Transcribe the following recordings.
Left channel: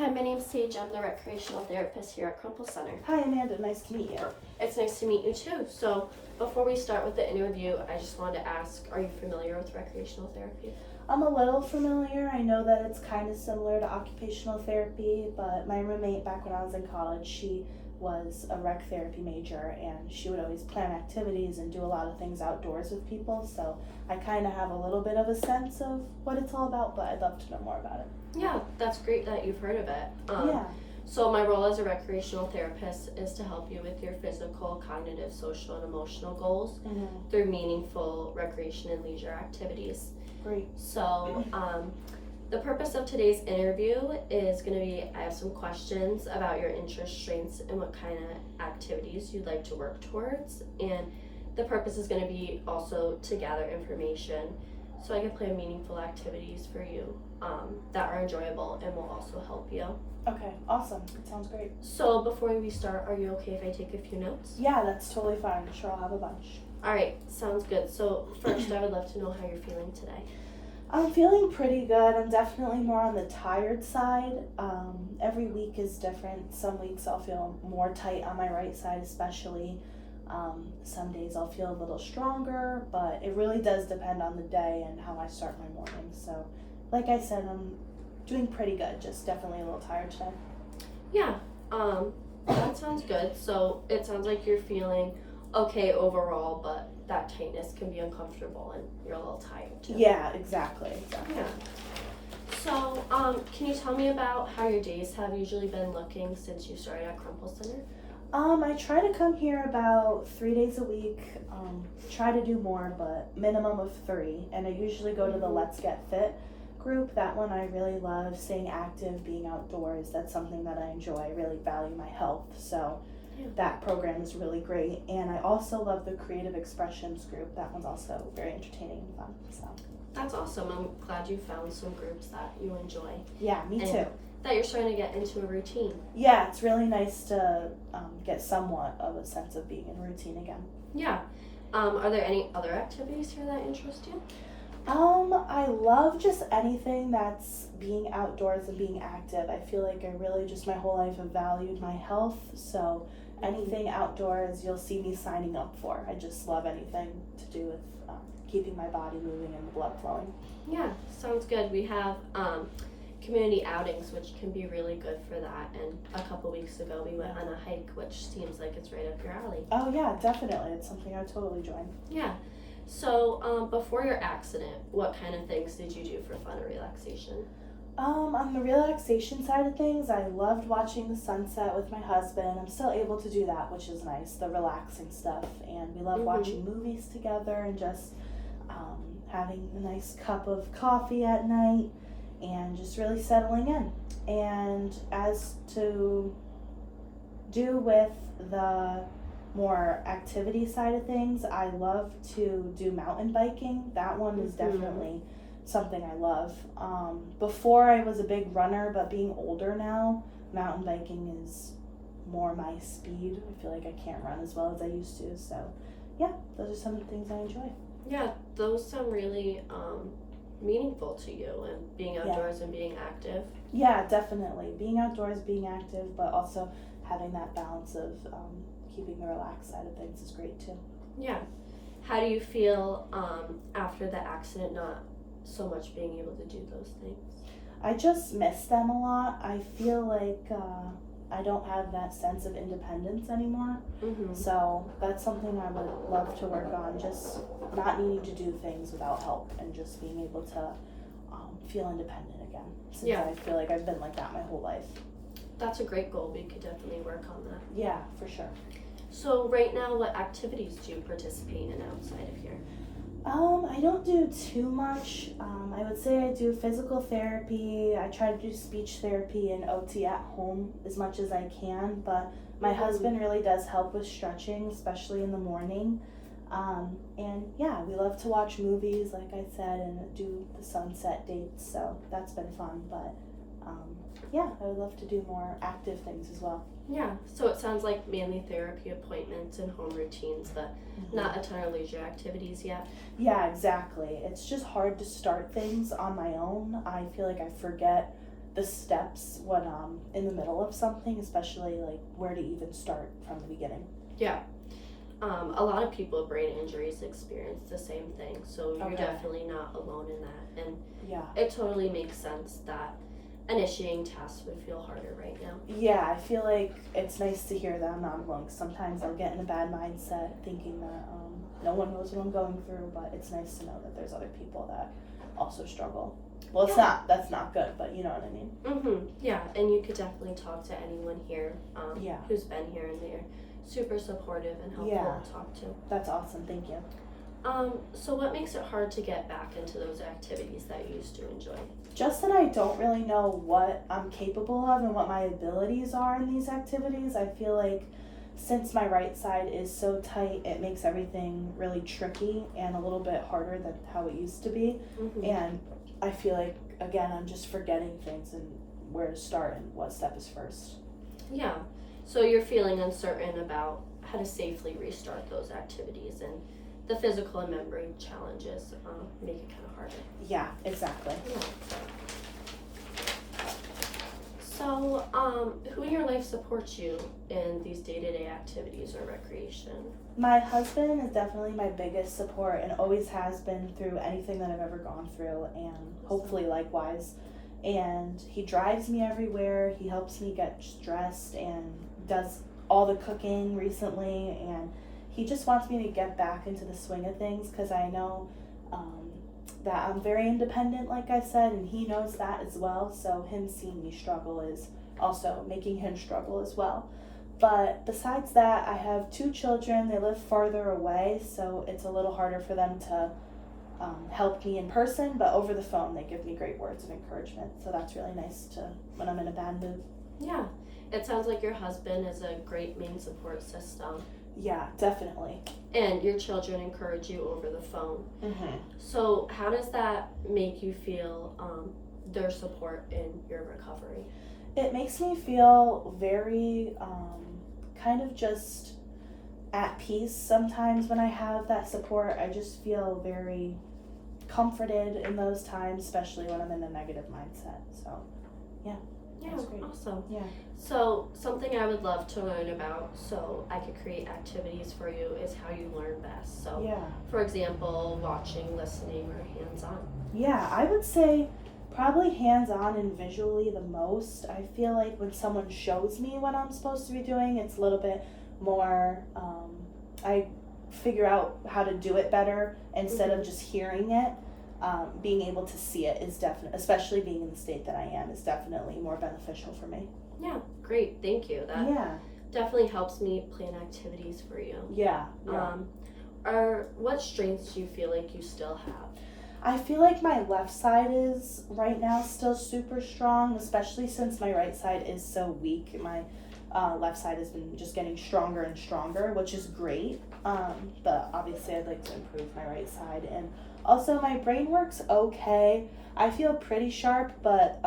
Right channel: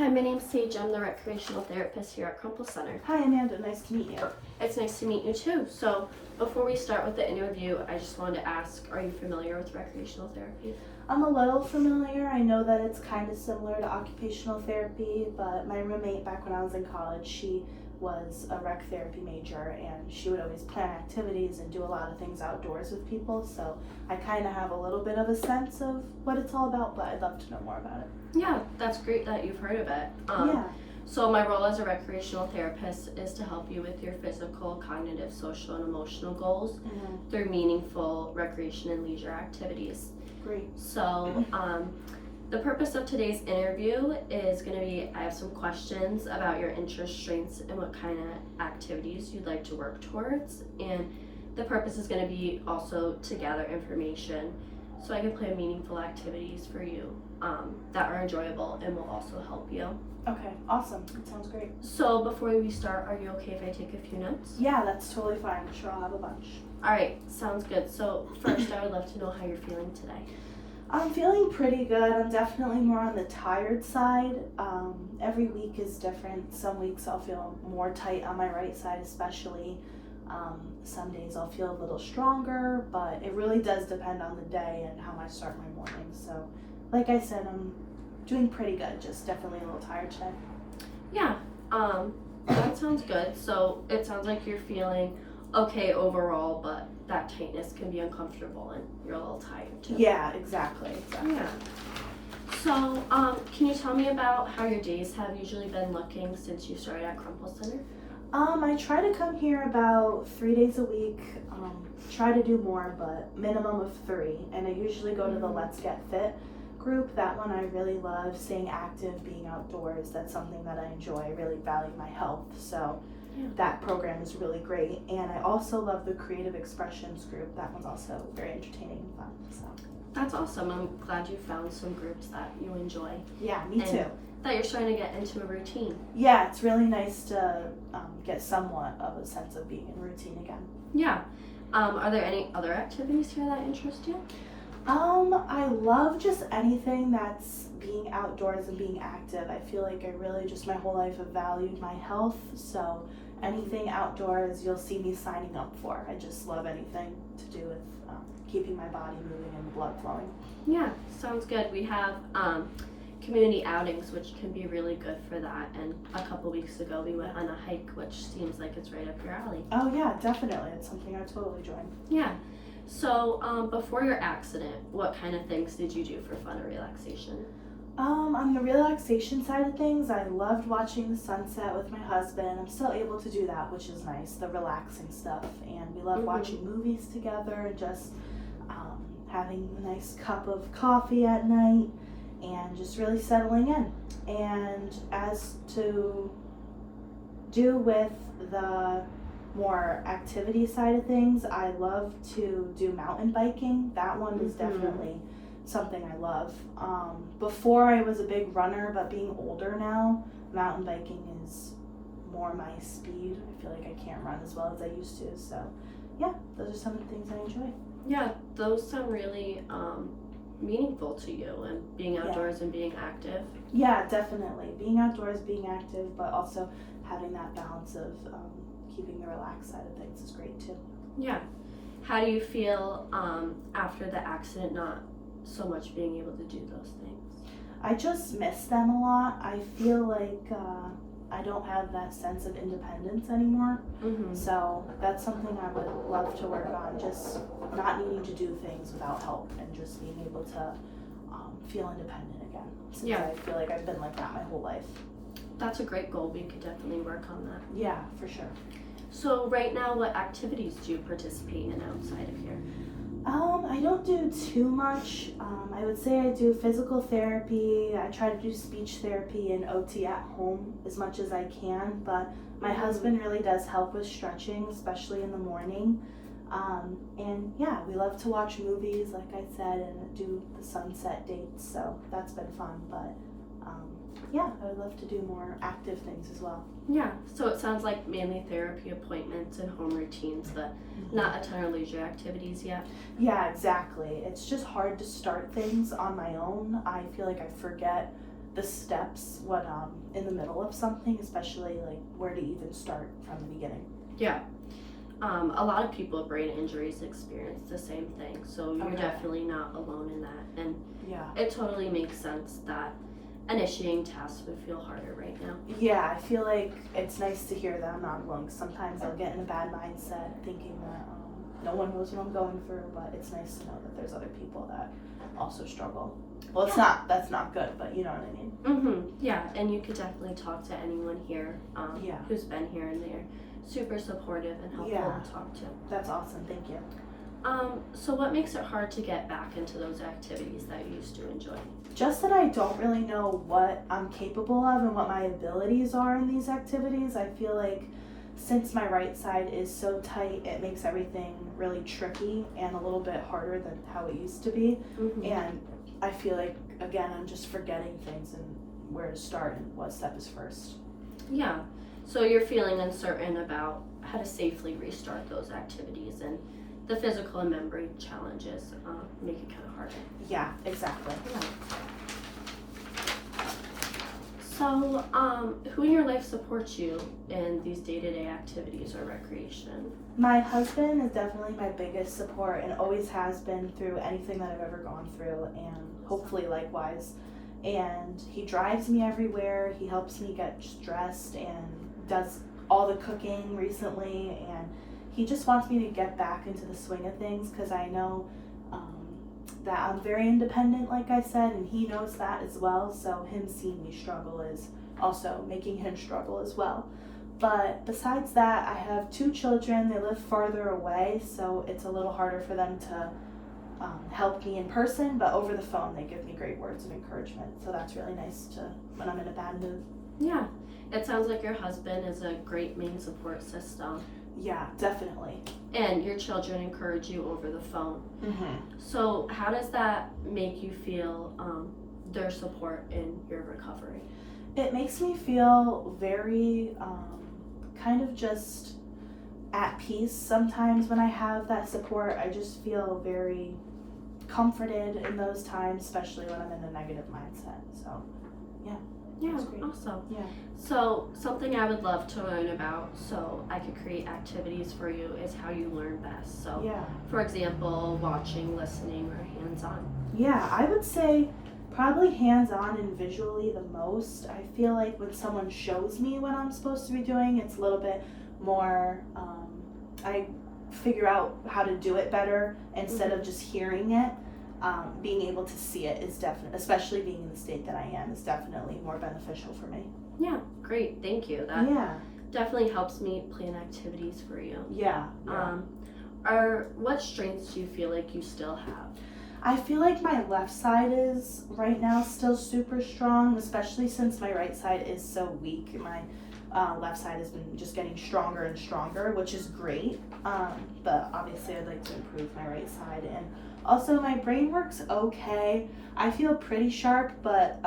Hi, my name's Sage. I'm the recreational therapist here at Crumple Center. Hi Amanda, nice to meet you. It's nice to meet you too. So, before we start with the interview, I just wanted to ask, are you familiar with recreational therapy? I'm a little familiar. I know that it's kind of similar to occupational therapy, but my roommate back when I was in college, she was a rec therapy major and she would always plan activities and do a lot of things outdoors with people, so I kind of have a little bit of a sense of what it's all about, but I'd love to know more about it. Yeah, that's great that you've heard of it. Yeah. So my role as a recreational therapist is to help you with your physical, cognitive, social, and emotional goals through meaningful recreation and leisure activities. Great. So, the purpose of today's interview is going to be, I have some questions about your interests, strengths, and what kind of activities you'd like to work towards. And the purpose is going to be also to gather information so I can plan meaningful activities for you that are enjoyable and will also help you. Okay, awesome. It sounds great. So before we start, are you okay if I take a few notes? Yeah, that's totally fine. I'm sure I'll have a bunch. Alright, sounds good. So first, I would love to know how you're feeling today. I'm feeling pretty good. I'm definitely more on the tired side. Every week is different. Some weeks I'll feel more tight on my right side especially. Some days I'll feel a little stronger, but it really does depend on the day and how I start my morning. So like I said, I'm doing pretty good, just definitely a little tired today. Yeah, that sounds good. So it sounds like you're feeling okay overall, but that tightness can be uncomfortable and you're a little tired too. Yeah, exactly. Yeah. So, can you tell me about how your days have usually been looking since you started at Crumple Center? I try to come here about 3 days a week. Try to do more, but minimum of 3. And I usually go to the Let's Get Fit group. That one I really love, staying active, being outdoors. That's something that I enjoy. I really value my health. So that program is really great. And I also love the Creative Expressions group. That one's also very entertaining and fun. So That's awesome. I'm glad you found some groups that you enjoy. yeah, me too. That you're starting to get into a routine. Yeah, it's really nice to get somewhat of a sense of being in routine again. Yeah. Are there any other activities here that interest you? I love just anything that's being outdoors and being active. I feel like I really just my whole life have valued my health, so anything outdoors you'll see me signing up for. I just love anything to do with keeping my body moving and the blood flowing. Yeah, sounds good. We have community outings, which can be really good for that. And a couple weeks ago, we went on a hike, which seems like it's right up your alley. Oh yeah, definitely. It's something I totally join. Yeah. So, before your accident, what kind of things did you do for fun or relaxation? On the relaxation side of things, I loved watching the sunset with my husband. I'm still able to do that, which is nice, the relaxing stuff. And we love watching movies together and just having a nice cup of coffee at night and just really settling in. And as to do with the more activity side of things, I love to do mountain biking. That one is definitely something I love. Before I was a big runner, but being older now, mountain biking is more my speed. I feel like I can't run as well as I used to. So yeah, those are some of the things I enjoy. Yeah, those sound really meaningful to you, and being outdoors and being active. Yeah, definitely. Being outdoors, being active, but also having that balance of keeping the relaxed side of things is great too. Yeah. How do you feel after the accident, not so much being able to do those things? I just miss them a lot. I feel like I don't have that sense of independence anymore. So that's something I would love to work on, just not needing to do things without help and just being able to feel independent again. Since I feel like I've been like that my whole life. That's a great goal. We could definitely work on that. Yeah, for sure. So right now, what activities do you participate in outside of here? I don't do too much. I would say I do physical therapy. I try to do speech therapy and OT at home as much as I can, but my husband really does help with stretching, especially in the morning. And yeah, we love to watch movies, like I said, and do the sunset dates, so that's been fun, but yeah, I would love to do more active things as well. Yeah, so it sounds like mainly therapy appointments and home routines, but not a ton of leisure activities yet. Yeah, exactly. It's just hard to start things on my own. I feel like I forget the steps when in the middle of something, especially like where to even start from the beginning. Yeah. A lot of people with brain injuries experience the same thing, so you're Okay. definitely not alone in that. And Yeah. it totally makes sense that initiating tasks would feel harder right now. Yeah, I feel like it's nice to hear that I'm not alone. Sometimes I'll get in a bad mindset thinking that no one knows what I'm going through, but it's nice to know that there's other people that also struggle. Well, that's not good, but you know what I mean. Yeah, and you could definitely talk to anyone here Yeah. who's been here, and they're super supportive and helpful Yeah. to talk to. That's awesome. Thank you. So what makes it hard to get back into those activities that you used to enjoy? Just that I don't really know what I'm capable of and what my abilities are in these activities. I feel like since my right side is so tight, it makes everything really tricky and a little bit harder than how it used to be. And I feel like, again, I'm just forgetting things and where to start and what step is first. Yeah, so you're feeling uncertain about how to safely restart those activities, and the physical and memory challenges make it kind of harder. Yeah, exactly. So, who in your life supports you in these day-to-day activities or recreation? My husband is definitely my biggest support and always has been through anything that I've ever gone through, and hopefully likewise. And he drives me everywhere. He helps me get dressed and does all the cooking recently, and he just wants me to get back into the swing of things because I know that I'm very independent, like I said, and he knows that as well. So him seeing me struggle is also making him struggle as well. But besides that, I have 2 children. They live farther away, so it's a little harder for them to help me in person, but over the phone they give me great words of encouragement. So that's really nice to when I'm in a bad mood. Yeah, it sounds like your husband is a great main support system. Yeah, definitely. And your children encourage you over the phone. Mm-hmm. So how does that make you feel, their support in your recovery? It makes me feel very kind of just at peace sometimes when I have that support. I just feel very comforted in those times, especially when I'm in a negative mindset. So Yeah, that's great. awesome. Yeah. So something I would love to learn about so I could create activities for you is how you learn best. So Yeah. for example, watching, listening, or hands-on. Yeah, I would say probably hands-on and visually the most. I feel like when someone shows me what I'm supposed to be doing, it's a little bit more, I figure out how to do it better instead of just hearing it. Being able to see it is definitely, especially being in the state that I am, is definitely more beneficial for me. Yeah, great, thank you. That Yeah. definitely helps me plan activities for you. Yeah. What strengths do you feel like you still have? I feel like my left side is right now still super strong, especially since my right side is so weak. My left side has been just getting stronger and stronger, which is great. But obviously I'd like to improve my right side. And also my brain works okay. I feel pretty sharp, but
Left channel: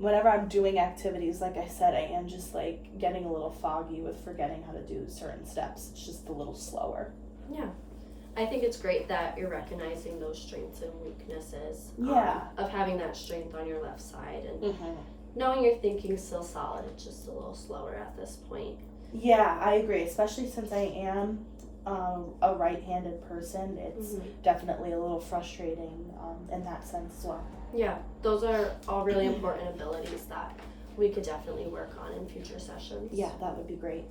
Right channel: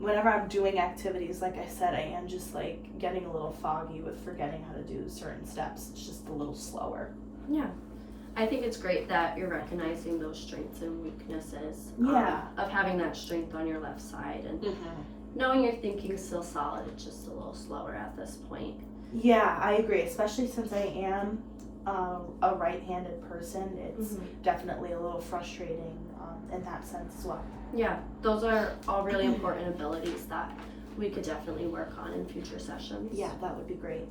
whenever I'm doing activities, like I said, I am just like getting a little foggy with forgetting how to do certain steps. It's just a little slower. Yeah. I think it's great that you're recognizing those strengths and weaknesses of having that strength on your left side, and knowing your thinking's still solid, it's just a little slower at this point. Yeah, I agree, especially since I am a right-handed person. It's definitely a little frustrating in that sense as well. Yeah, those are all really important abilities that we could definitely work on in future sessions. Yeah, that would be great.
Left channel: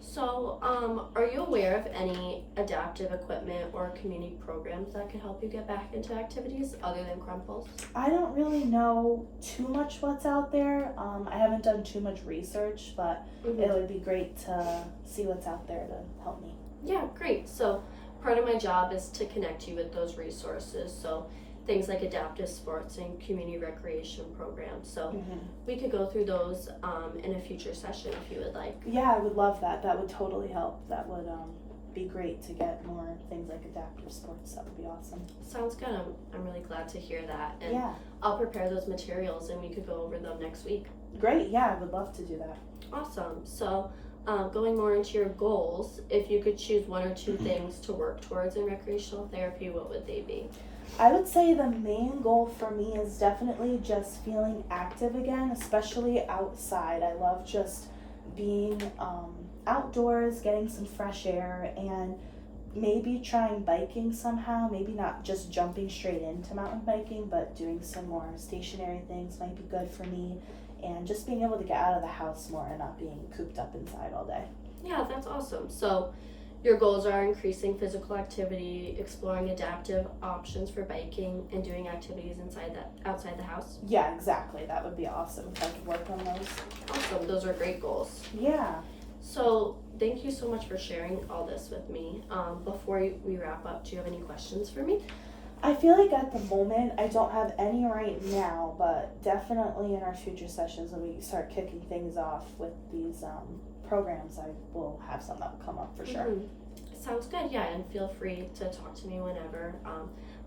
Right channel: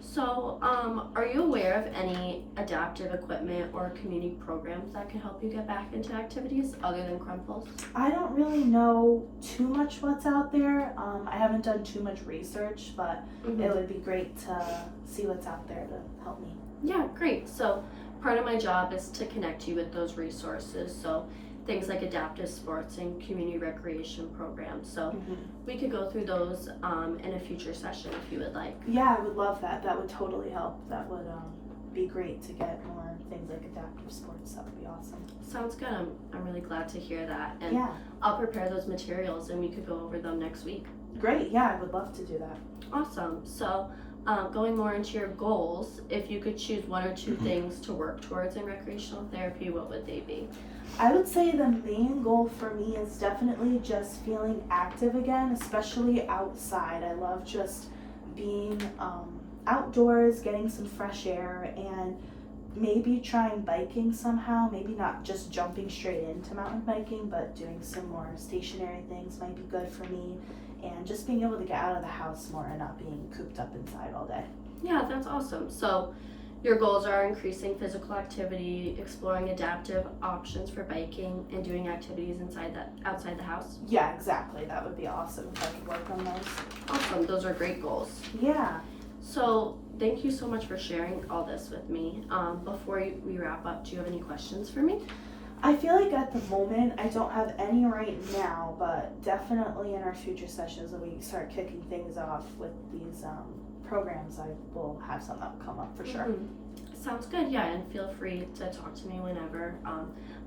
So, are you aware of any adaptive equipment or community programs that can help you get back into activities other than Crumples? I don't really know too much what's out there. I haven't done too much research, but it would be great to see what's out there to help me. Yeah, great. So, part of my job is to connect you with those resources. So, things like adaptive sports and community recreation programs. So we could go through those in a future session if you would like. Yeah, I would love that. That would totally help. That would be great to get more things like adaptive sports. That would be awesome. Sounds good. I'm really glad to hear that. And yeah. I'll prepare those materials and we could go over them next week. Great. Yeah, I would love to do that. Awesome. So going more into your goals, if you could choose 1 or 2 things to work towards in recreational therapy, what would they be? I would say the main goal for me is definitely just feeling active again, especially outside. I love just being outdoors, getting some fresh air, and maybe trying biking somehow. Maybe not just jumping straight into mountain biking, but doing some more stationary things might be good for me. And just being able to get out of the house more and not being cooped up inside all day. Yeah, that's awesome. So your goals are increasing physical activity, exploring adaptive options for biking, and doing activities outside the house. Yeah, exactly. That would be awesome if I could work on those. Awesome. Those are great goals. Yeah. So thank you so much for sharing all this with me. Before we wrap up, do you have any questions for me? I feel like at the moment I don't have any right now, but definitely in our future sessions when we start kicking things off with these programs, I will have some come up for sure. Sounds good. Yeah, and feel free to talk to me whenever.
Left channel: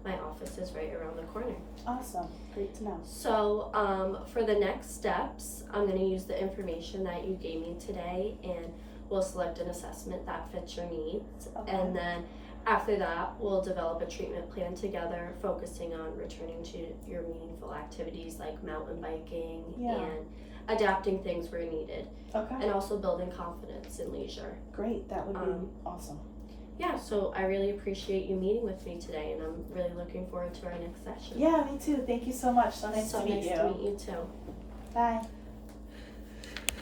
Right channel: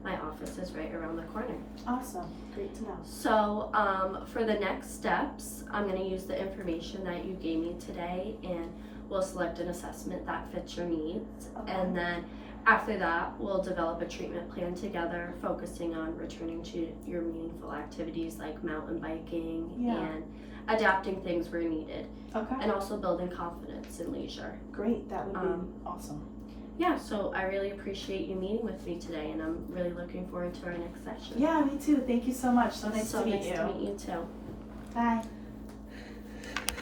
My office is right around the corner. Awesome. Great to know. So for the next steps, I'm going to use the information that you gave me today, and we'll select an assessment that fits your needs. Okay. And then after that, we'll develop a treatment plan together, focusing on returning to your meaningful activities like mountain biking and adapting things where needed. Okay. And also building confidence in leisure. Great. That would be awesome. Yeah, so I really appreciate you meeting with me today, and I'm really looking forward to our next session. Yeah, me too. Thank you so much. So nice to meet you. So nice to meet you too. Bye.